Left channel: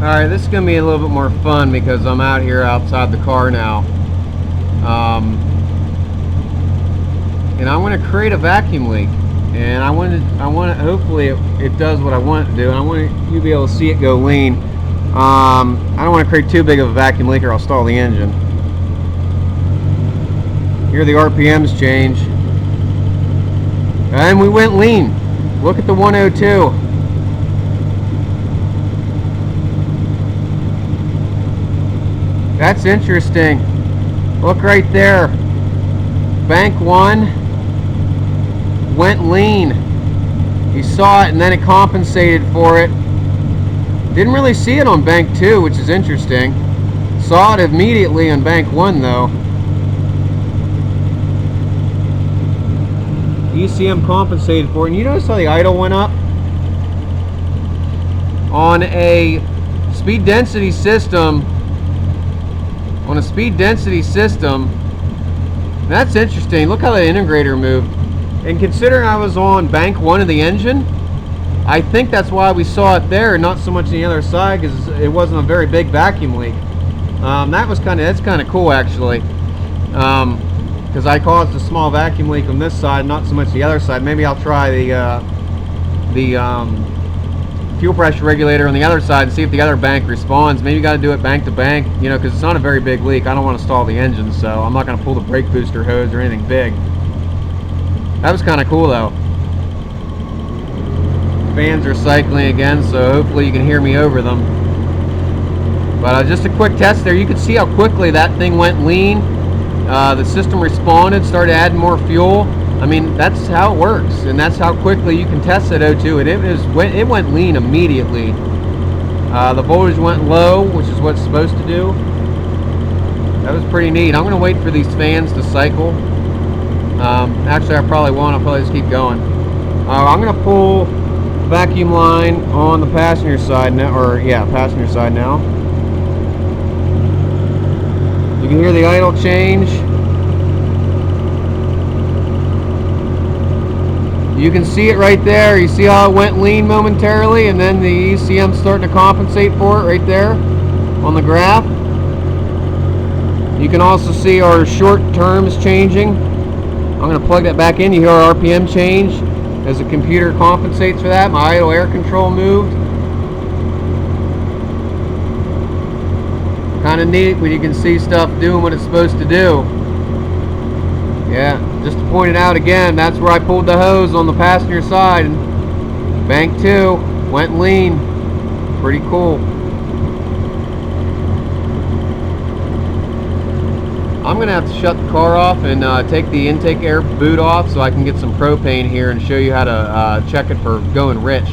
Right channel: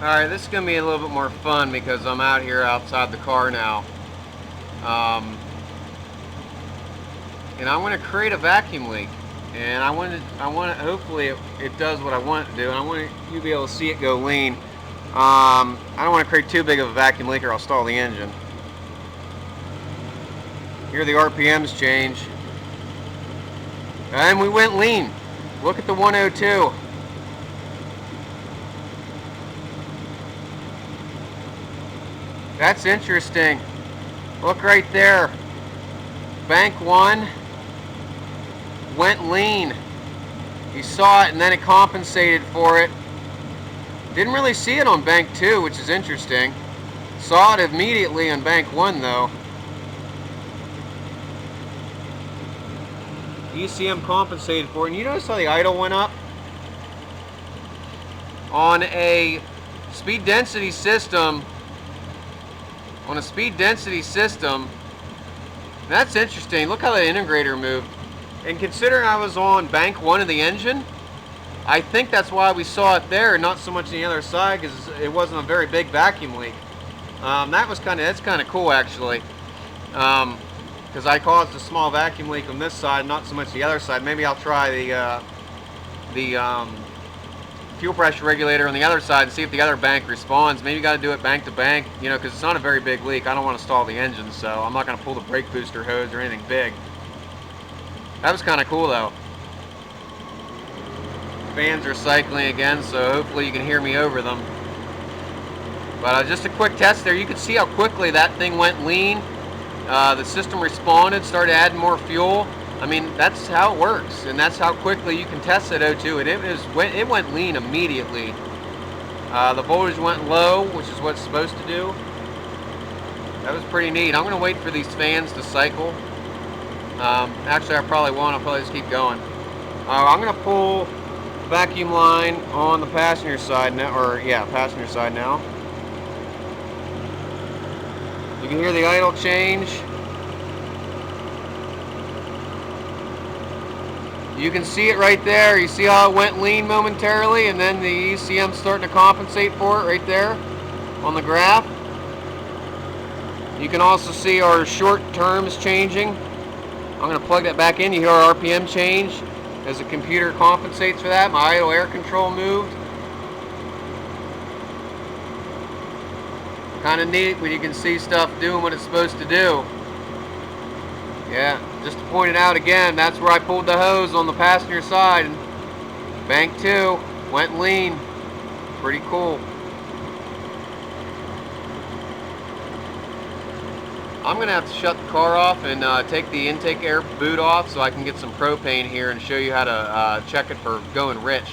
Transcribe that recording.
Alright, this is going to be a little bit more fun because I'm out here outside the car now. And I want to create a vacuum leak. And I want to hopefully it does what I want it to do. And I want you to be able to see it go lean. I don't want to create too big of a vacuum leak or I'll stall the engine. Here the RPMs change. And we went lean. Look at the 102. That's interesting. Look right there. Bank 1 went lean. You saw it and then it compensated for it. Didn't really see it on bank 2, which is interesting. Saw it immediately on bank 1 though. ECM compensated for it. And you notice how the idle went up? On a speed density system, that's interesting. Look how the integrator moved. And considering I was on bank 1 of the engine, I think that's why we saw it there and not so much on the other side, because it wasn't a very big vacuum leak. That's kind of cool actually, because I caused a small vacuum leak on this side, not so much the other side. Maybe I'll try the fuel pressure regulator on the other side and see if the other bank responds. Maybe you got to do it bank to bank, you know, because it's not a very big leak. I don't want to stall the engine, so I'm not going to pull the brake booster hose or anything big. That was kind of cool though. Fans are cycling again, so hopefully you can hear me over them. But just a quick test there. You can see how quickly that thing went lean. The system responded, started adding more fuel. I mean, that's how it works, and that's how quickly you can test that O2. And it went lean immediately. The voltage went low, which is what it's supposed to do. That was pretty neat. I'm going to wait for these fans to cycle. Actually, I probably won't. I'll probably just keep going. I'm going to pull vacuum line on the passenger side now, passenger side now. You can hear the idle change. You can see it right there. You see how it went lean momentarily, and then the ECM starting to compensate for it right there on the graph. You can also see our short terms changing. I'm going to plug that back in. You hear our RPM change as the computer compensates for that. My idle air control moved. Kind of neat when you can see stuff doing what it's supposed to do. Yeah, just to point it out again, that's where I pulled the hose on the passenger side. And bank 2 went lean. Pretty cool. I'm going to have to shut the car off and take the intake air boot off so I can get some propane here and show you how to check it for going rich.